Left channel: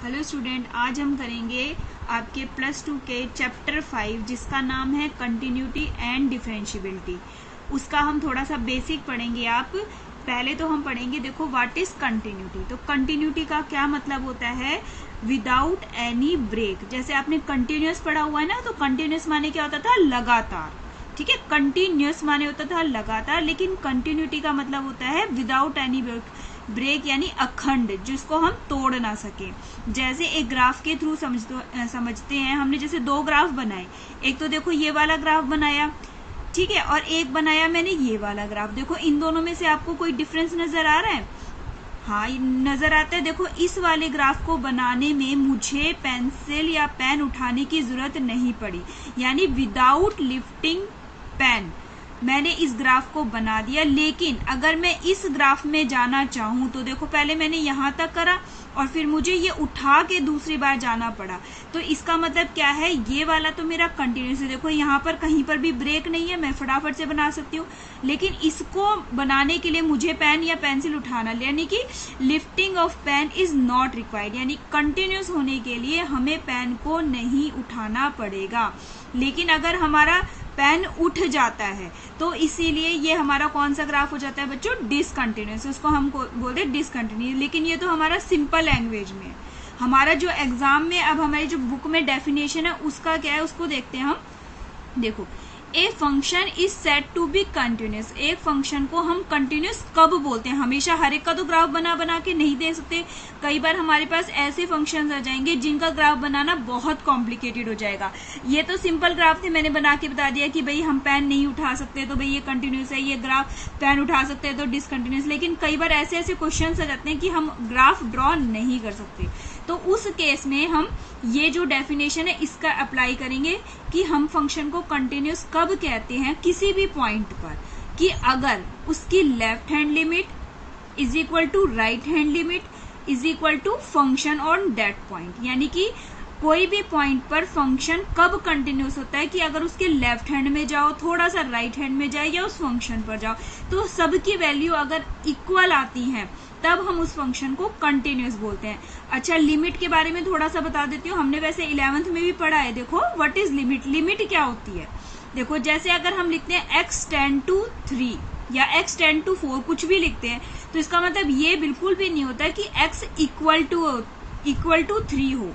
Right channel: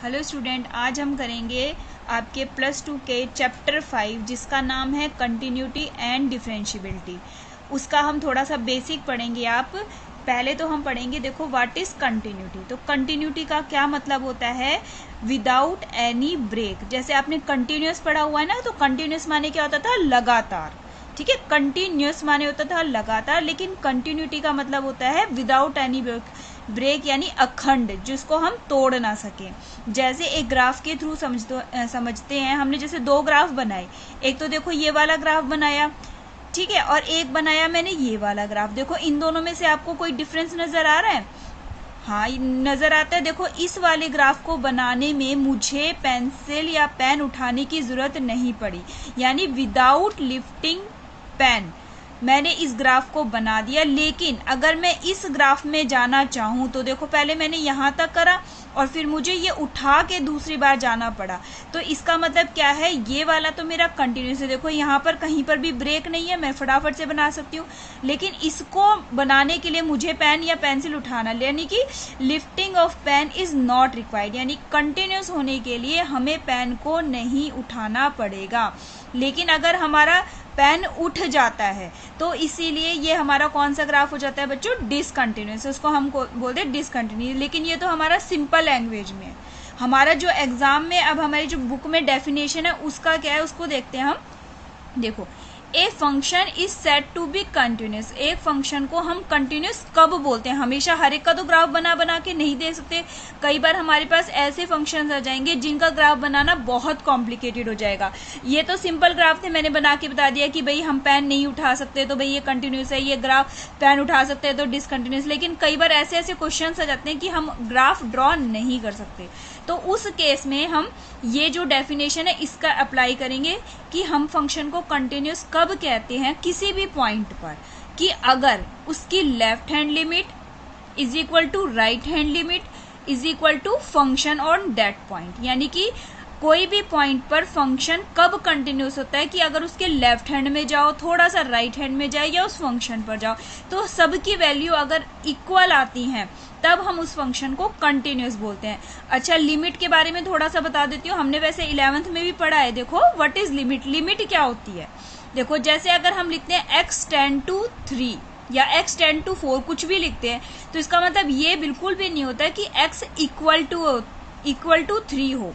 Hello student, आज हम करेंगे आपके +2 के चैप्टर 5 जिसका नाम है कंटिन्यूटी एंड डिफरेंशियबिलिटी। उसका हम थोड़ा सा बेसिक पढ़ेंगे। आप पहले तो हम पढ़ेंगे, देखो व्हाट इज कंटिन्यूटी। तो कंटिन्यूटी का क्या मतलब होता है? Without any break. जैसे आपने कंटिन्यूअस पढ़ा हुआ है ना, तो कंटिन्यूअस माने क्या होता था? लगातार। ठीक है, कंटिन्यूअस माने होता था लगातार, लेकिन कंटिन्यूटी का मतलब होता है विदाउट एनी ब्रेक, यानी अखंड, जिसको हम तोड़ ना सके। जैसे एक ग्राफ के थ्रू समझते हैं। हमने जैसे दो ग्राफ बनाए, एक तो देखो ये वाला ग्राफ बनाया, ठीक है, और एक बनाया मैंने ये वाला ग्राफ। देखो इन दोनों में से आपको कोई डिफरेंस नजर आ रहा है? हाँ, नजर आता है। देखो इस वाले ग्राफ को बनाने में मुझे पेंसिल या पेन उठाने की जरूरत नहीं पड़ी, यानी विदाउट लिफ्टिंग पेन मैंने इस ग्राफ को बना दिया। लेकिन अगर मैं इस ग्राफ में जाना चाहूं तो देखो पहले मैंने यहां तक करा और फिर मुझे ये उठा के दूसरी बार जाना पड़ा। तो इसका मतलब क्या है? ये वाला तो मेरा कंटिन्यूस है। देखो यहाँ पर कहीं पर भी ब्रेक नहीं है, मैं फटाफट से बना सकती हूँ। लेकिन इसको बनाने के लिए मुझे पेन या पेंसिल उठाना, यानी कि lifting of pen is not required, यानी कंटिन्यूस होने के लिए हमें पेन को नहीं उठाना पड़ेगा। लेकिन अगर हमारा पेन उठ जाता है तो इसीलिए ये हमारा कौन सा ग्राफ हो जाता है बच्चों? डिसकंटिन्यूअस। उसको हम बोलते हैं डिसकंटिन्यूअस। लेकिन ये तो हमारा सिंपल लैंग्वेज में। हमारा जो एग्जाम में, अब हमारी जो बुक में डेफिनेशन है उसका क्या है, उसको देखते हैं हम। देखो, a function is said to be continuous. एक फंक्शन को हम कंटिन्यूस कब बोलते हैं? हमेशा हर एक का तो ग्राफ बना बना के नहीं दे सकते। कई बार हमारे पास ऐसे फंक्शन आ जाएंगे जिनका ग्राफ बनाना बहुत कॉम्प्लिकेटेड हो जाएगा। ये तो सिंपल ग्राफ थे, मैंने बना के बता दिया कि भाई हम पेन नहीं उठा सकते तो भाई ये कंटिन्यूस है, ये ग्राफ पेन उठा सकते हैं तो डिसकंटिन्यूस। लेकिन कई बार ऐसे ऐसे क्वेश्चन आ जाते हैं कि हम ग्राफ ड्रॉ नहीं कर सकते, तो उस केस में हम ये जो डेफिनेशन है इसका अप्लाई करेंगे कि हम फंक्शन को कंटिन्यूस कब कहते हैं किसी भी पॉइंट पर, कि अगर उसकी left hand limit is equal to right hand limit is equal to function on that point. यानी कि कोई भी पॉइंट पर फंक्शन कब कंटिन्यूस होता है कि अगर उसके लेफ्ट हैंड में जाओ, थोड़ा सा राइट हैंड में जाए या उस फंक्शन पर जाओ, तो सबकी वैल्यू अगर इक्वल आती है तब हम उस फंक्शन को कंटिन्यूस बोलते हैं। अच्छा, लिमिट के बारे में थोड़ा सा बता देती हूँ। हमने वैसे 11th में भी पढ़ा है। देखो व्हाट इज लिमिट। लिमिट क्या होती है? देखो जैसे अगर हम लिखते हैं x टेंड टू 3 या x टेंड टू 4, कुछ भी लिखते हैं, तो इसका मतलब ये बिल्कुल भी नहीं होता है कि x इक्वल टू 3 हो।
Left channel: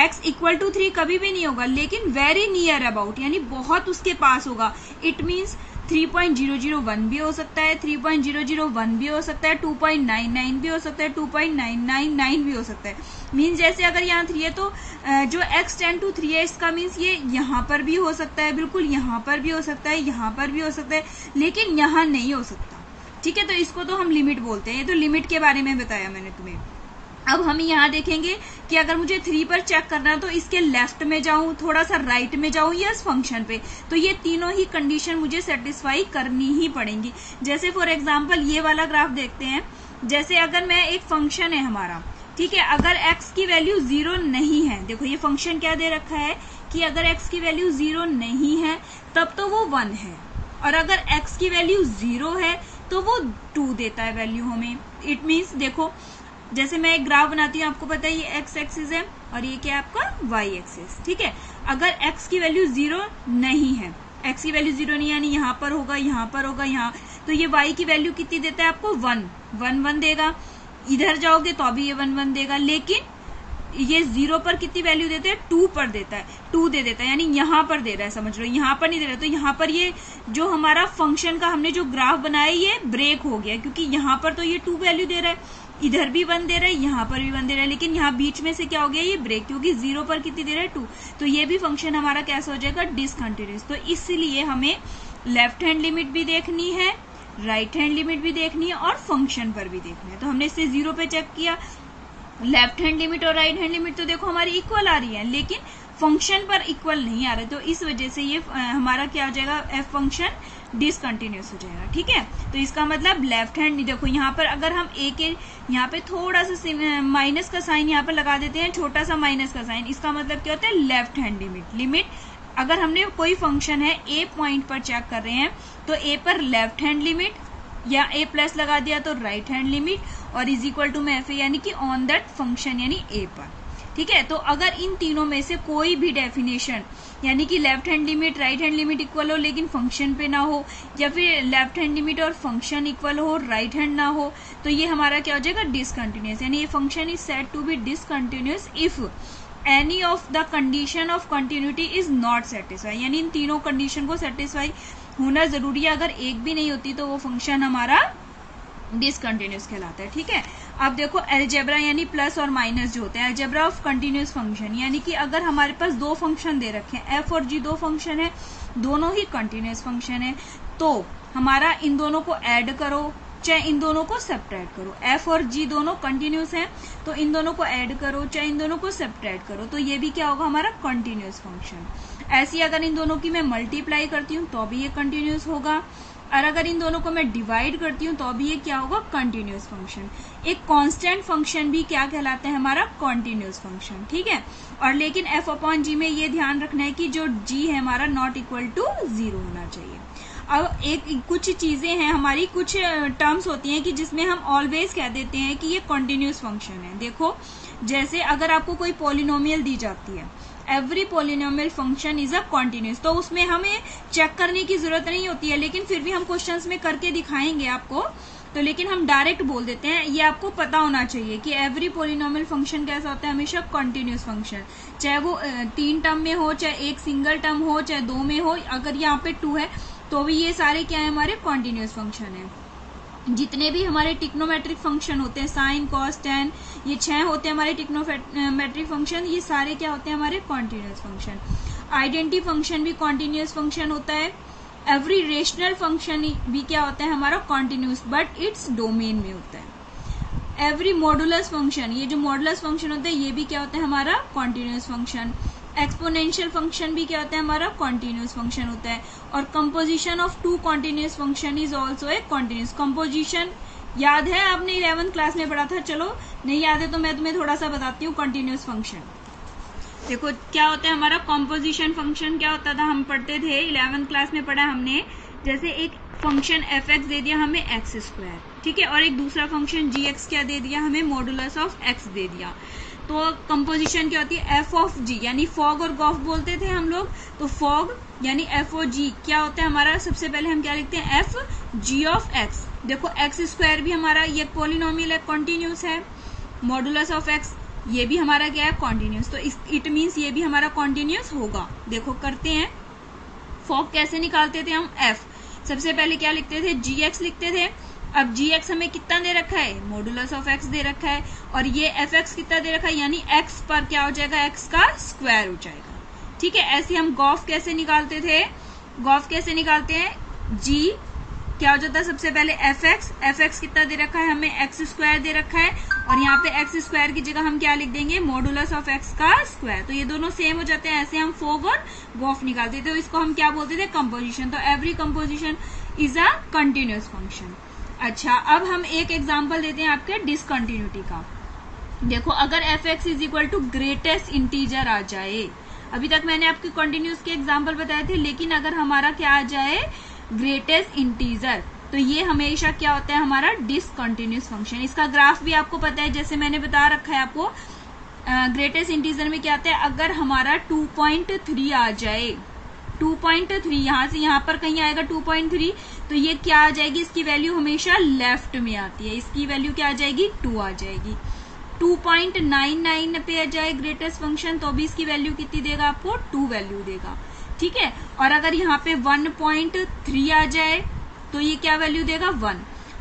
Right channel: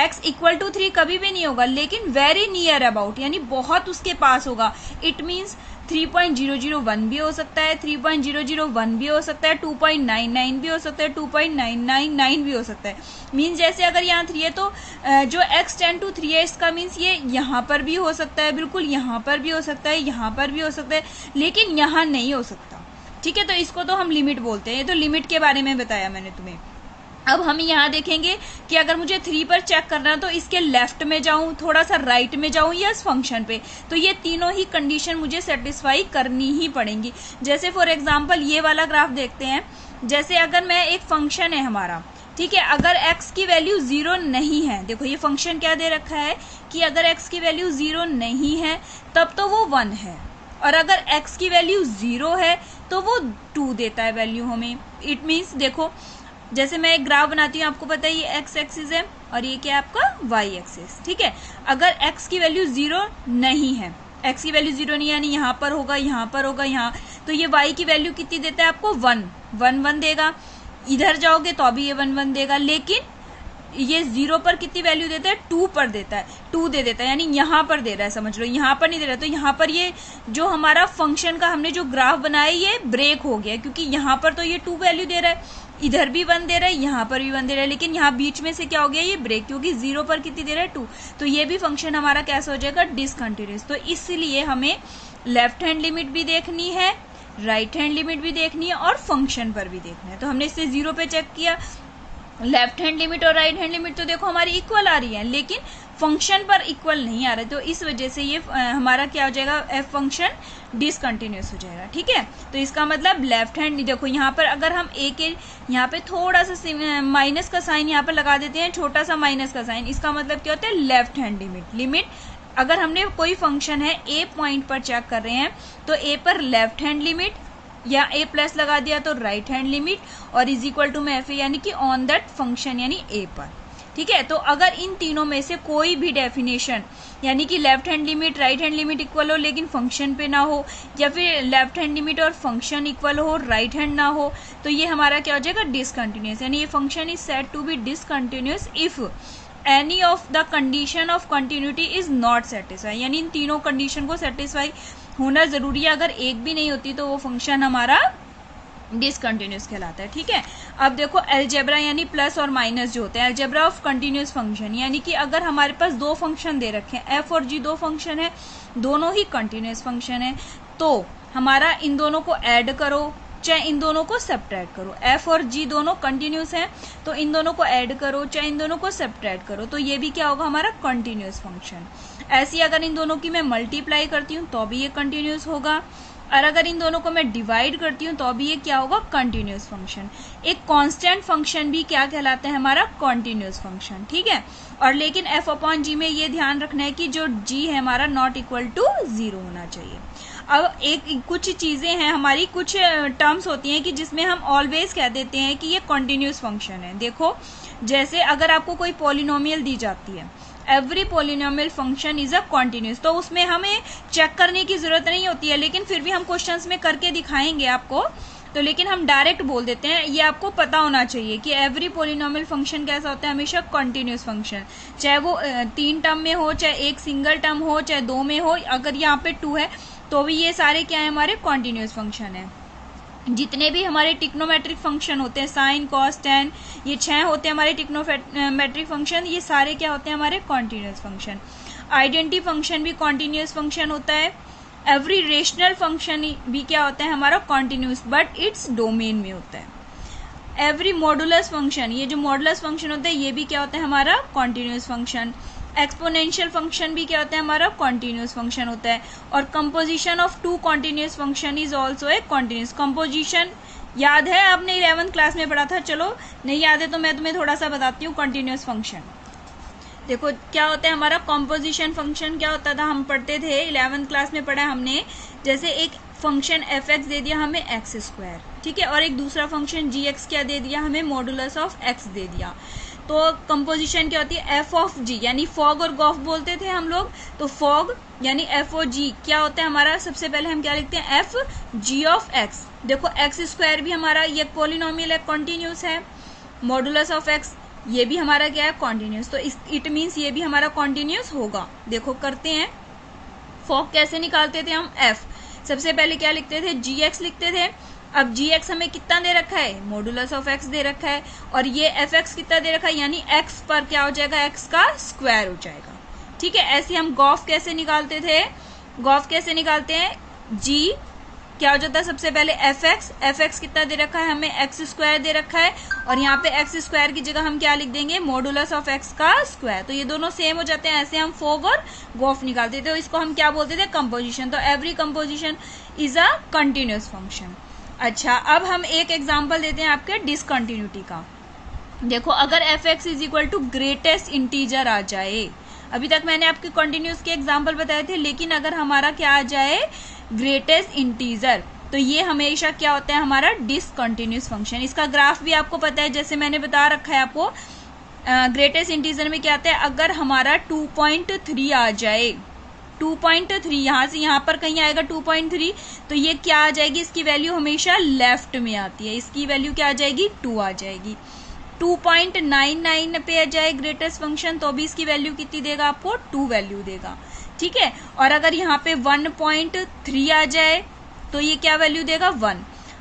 x इक्वल टू 3 कभी भी नहीं होगा, लेकिन वेरी नियर अबाउट, यानी बहुत उसके पास होगा। इट मीन्स 3.001 भी हो सकता है, 3.001 भी हो सकता है, 2.99 भी हो सकता है, 2.999 भी हो सकता है। मीन्स जैसे अगर यहाँ 3 है तो जो x टेंड टू 3 है, इसका मीन्स ये यहाँ पर भी हो सकता है, बिल्कुल यहाँ पर भी हो सकता है, यहाँ पर भी हो सकता है, लेकिन यहाँ नहीं हो सकता। ठीक है, तो इसको तो हम लिमिट बोलते हैं। ये तो लिमिट के बारे में बताया मैंने तुम्हें। अब हम यहाँ देखेंगे कि अगर मुझे 3 पर चेक करना है तो इसके लेफ्ट में जाऊं, थोड़ा सा राइट में जाऊं या इस फंक्शन पे, तो ये तीनों ही कंडीशन मुझे सेटिस्फाई करनी ही पड़ेंगी। जैसे फॉर एग्जांपल ये वाला ग्राफ देखते हैं। जैसे अगर मैं एक फंक्शन है हमारा, ठीक है, अगर x की वैल्यू 0 नहीं है, देखो ये फंक्शन क्या दे रखा है कि अगर x की वैल्यू 0 नहीं है तब तो वो 1 है, और अगर x की वैल्यू 0 है तो वो 2 देता है वैल्यू हमें। इट मीन्स देखो, जैसे मैं एक ग्राफ बनाती हूँ, आपको पता है ये एक्स एक्सिस है और ये क्या है आपका वाई एक्सिस। ठीक है, अगर x की वैल्यू 0 नहीं है, x की वैल्यू 0 नहीं, यानी यहाँ पर होगा, यहाँ पर होगा, यहाँ, तो ये y की वैल्यू कितनी देता है आपको? 1 देगा। इधर जाओगे तो अभी ये 1 देगा, लेकिन ये 0 पर कितनी वैल्यू देता है? 2 पर देता है, 2 दे देता है, यानी यहाँ पर दे रहा है, समझ लो, यहाँ पर नहीं दे रहा। तो यहाँ पर ये जो हमारा फंक्शन का हमने जो ग्राफ बनाया ये ब्रेक हो गया, क्योंकि यहाँ पर तो ये 2 वैल्यू दे रहा है, इधर भी 1 दे रहा है, यहाँ पर भी 1 दे रहा है, लेकिन यहाँ बीच में से क्या हो गया? ये ब्रेक, क्योंकि 0 पर कितनी दे रहा है? 2। तो ये भी फंक्शन हमारा कैसा हो जाएगा? डिसकंटिन्यूअस। तो इसलिए हमें लेफ्ट हैंड लिमिट भी देखनी है, राइट हैंड लिमिट भी देखनी है, और फंक्शन पर भी देखना है। तो हमने इससे 0 पे चेक किया, लेफ्ट हैंड लिमिट और राइट हैंड लिमिट तो देखो हमारी इक्वल आ रही है, लेकिन फंक्शन पर इक्वल नहीं आ रहा है। तो इस वजह से ये हमारा क्या हो जाएगा? एफ फंक्शन डिसकंटिन्यूअस हो जाएगा। ठीक है, तो इसका मतलब लेफ्ट हैंड, देखो यहाँ पर अगर हम ए के यहाँ पे थोड़ा सा माइनस का साइन यहाँ पर लगा देते हैं, छोटा सा माइनस का साइन, इसका मतलब क्या होता है? Left hand limit. अगर हमने कोई फंक्शन है ए पॉइंट पर चेक कर रहे हैं तो ए पर लेफ्ट हैंड लिमिट, या ए प्लस लगा दिया तो राइट हैंड लिमिट, और इज इक्वल टू में एफ ए, यानी कि ऑन दैट फंक्शन यानी ए पर। ठीक है, तो अगर इन तीनों में से कोई भी डेफिनेशन यानी कि left hand limit right hand limit equal हो लेकिन फंक्शन पे ना हो, या फिर लेफ्ट हैंड लिमिट और फंक्शन इक्वल हो राइट हैंड ना हो, तो ये हमारा क्या हो जाएगा, डिसकंटिन्यूअस। यानी ये function is said to be discontinuous if any of the condition of continuity is not satisfy. यानी इन तीनों कंडीशन को सेटिस्फाई होना जरूरी है, अगर एक भी नहीं होती तो वो फंक्शन हमारा डिसकंटिन्यूअस कहलाता है। ठीक है, अब देखो अलजेब्रा यानी प्लस और माइनस जो होते हैं, अलजेब्रा ऑफ कंटिन्यूअस फंक्शन, यानी कि अगर हमारे पास दो फंक्शन दे रखे हैं, एफ और जी दो फंक्शन है, दोनों ही कंटिन्यूअस फंक्शन है, तो हमारा इन दोनों को ऐड करो चाहे इन दोनों को सब्ट्रैक्ट करो। एफ और जी दोनों कंटिन्यूअस हैं, तो इन दोनों को ऐड करो चाहे इन दोनों को सब्ट्रैक्ट करो, तो ये भी क्या होगा, हमारा कंटिन्यूअस फंक्शन। ऐसी अगर इन दोनों की मैं मल्टीप्लाई करती हूँ तो भी ये कंटिन्यूअस होगा, और अगर इन दोनों को मैं डिवाइड करती हूँ तो भी ये क्या होगा, कंटिन्यूअस फंक्शन। एक कांस्टेंट फंक्शन भी क्या कहलाता है, हमारा कंटिन्यूअस फंक्शन। ठीक है, और लेकिन एफ अपॉन जी में ये ध्यान रखना है कि जो जी है हमारा नॉट इक्वल टू 0 होना चाहिए। अब एक कुछ चीजें हैं हमारी, कुछ टर्म्स होती हैं कि जिसमें हम ऑलवेज कह देते हैं कि ये कंटिन्यूअस फंक्शन है। देखो, जैसे अगर आपको कोई पॉलिनोमियल दी जाती है, every polynomial function is a continuous, तो उसमें हमें चेक करने की जरूरत नहीं होती है, लेकिन फिर भी हम क्वेश्चंस में करके दिखाएंगे आपको, तो लेकिन हम डायरेक्ट बोल देते हैं। ये आपको पता होना चाहिए कि एवरी पॉलिनोमियल फंक्शन कैसा होता है, हमेशा कॉन्टिन्यूस फंक्शन, चाहे वो 3 टर्म में हो, चाहे एक सिंगल टर्म हो, चाहे 2 में हो, अगर यहाँ पे 2 है तो भी ये सारे क्या है, हमारे कॉन्टिन्यूस फंक्शन है। जितने भी हमारे टिक्नोमेट्रिक फंक्शन होते हैं, साइन कॉस टेन, ये 6 होते हैं हमारे टिक्नोमेट्रिक फंक्शन, ये सारे क्या होते हैं, हमारे कॉन्टिन्यूअस फंक्शन। आइडेंटिटी फंक्शन भी कॉन्टिन्यूअस फंक्शन होता है। एवरी रेशनल फंक्शन भी क्या होता है, हमारा कॉन्टिन्यूअस, बट इट्स डोमेन में होता है। एवरी मॉडुलस फंक्शन, ये जो मॉडुलस फंक्शन होते हैं ये भी क्या होता है, हमारा कॉन्टिन्यूअस फंक्शन। एक्सपोनेंशियल फंक्शन भी क्या होता है, हमारा कॉन्टिन्यूअस फंक्शन होता है। और composition of 2 continuous function is also a continuous. Composition याद है, आपने 11th क्लास में पढ़ा था, चलो नहीं याद है तो मैं तुम्हें थोड़ा सा बताती हूँ। कंटिन्यूअस फंक्शन देखो क्या होता है, हमारा कॉम्पोजिशन फंक्शन क्या होता था, हम पढ़ते थे 11th क्लास में पढ़ा हमने, जैसे एक फंक्शन एफ एक्स दे दिया हमें एक्स स्क्वायर, ठीक है, और एक दूसरा फंक्शन जी एक्स क्या दे दिया हमें, मॉडुलस ऑफ एक्स दे दिया। तो कंपोजिशन क्या होती है, एफ ऑफ जी, यानी फॉग और गॉफ बोलते थे हम लोग, तो फॉग यानी एफ ओ जी क्या होता है हमारा, सबसे पहले हम क्या लिखते हैं, एफ जी ऑफ एक्स। देखो एक्स स्क्वायर भी हमारा ये पॉलिनोमियल है, कॉन्टिन्यूस है। मॉडुलस ऑफ एक्स ये भी हमारा क्या है, कॉन्टिन्यूस, तो इट मीन्स ये भी हमारा कॉन्टिन्यूस होगा। देखो करते हैं, फॉग कैसे निकालते थे हम, एफ सबसे पहले क्या लिखते थे, जी एक्स लिखते थे। अब जी एक्स हमें कितना दे रखा है, मॉडुलस ऑफ एक्स दे रखा है, और ये एफ एक्स कितना दे रखा है, यानी एक्स पर क्या हो जाएगा, एक्स का स्क्वायर हो जाएगा। ठीक है, ऐसे हम गॉफ कैसे निकालते थे, गॉफ कैसे निकालते हैं, जी क्या हो जाता है, सबसे पहले एफ एक्स कितना दे रखा है हमें, एक्स स्क्वायर दे रखा है, और यहाँ पे एक्स स्क्वायर की जगह हम क्या लिख देंगे, मॉडुलस ऑफ एक्स का स्क्वायर। तो ये दोनों सेम हो जाते हैं, ऐसे हम फॉग और गॉफ निकालते थे, तो इसको हम क्या बोलते थे, कंपोजिशन। तो every composition is a continuous function. अच्छा, अब हम एक एग्जाम्पल देते हैं आपके डिसकंटिन्यूटी का। देखो अगर f x is equal to greatest integer आ जाए, अभी तक मैंने आपके कंटिन्यूअस के एग्जाम्पल बताए थे, लेकिन अगर हमारा क्या आ जाए, ग्रेटेस्ट इंटीजर, तो ये हमेशा क्या होता है, हमारा डिसकंटिन्यूअस फंक्शन। इसका ग्राफ भी आपको पता है, जैसे मैंने बता रखा है आपको, ग्रेटेस्ट इंटीजर में क्या आता है, अगर हमारा 2.3 आ जाए, 2.3 यहां से यहां पर कहीं आएगा 2.3, तो ये क्या आ जाएगी, इसकी वैल्यू हमेशा लेफ्ट में आती है, इसकी वैल्यू क्या आ जाएगी, 2 आ जाएगी। 2.99 पे आ जाए ग्रेटेस्ट फंक्शन, तो भी इसकी वैल्यू कितनी देगा, आपको 2 वैल्यू देगा। ठीक है, और अगर यहाँ पे 1.3 आ जाए तो ये क्या वैल्यू देगा, 1।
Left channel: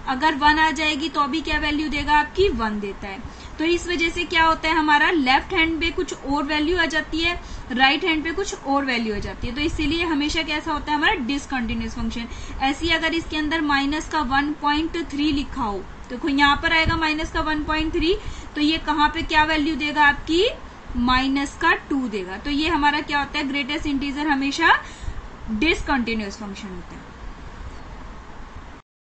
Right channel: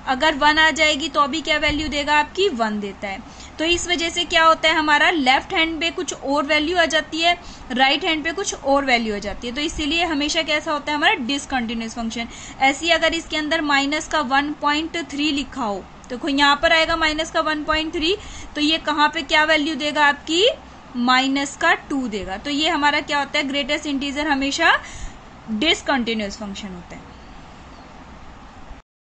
अगर 1 आ जाएगी तो भी क्या वैल्यू देगा, आपकी 1 देता है। तो इस वजह से क्या होता है, हमारा लेफ्ट हैंड पे कुछ और वैल्यू आ जाती है, राइट हैंड पे कुछ और वैल्यू आ जाती है, तो इसीलिए हमेशा कैसा होता है हमारा डिसकंटिन्यूअस फंक्शन। ऐसी अगर इसके अंदर माइनस का 1.3 लिखा हो, तो यहाँ पर आएगा माइनस का 1.3, तो ये कहाँ पे क्या वैल्यू देगा, आपकी माइनस का 2 देगा। तो ये हमारा क्या होता है, ग्रेटेस्ट इंटीजर हमेशा डिसकंटिन्यूअस फंक्शन होता है।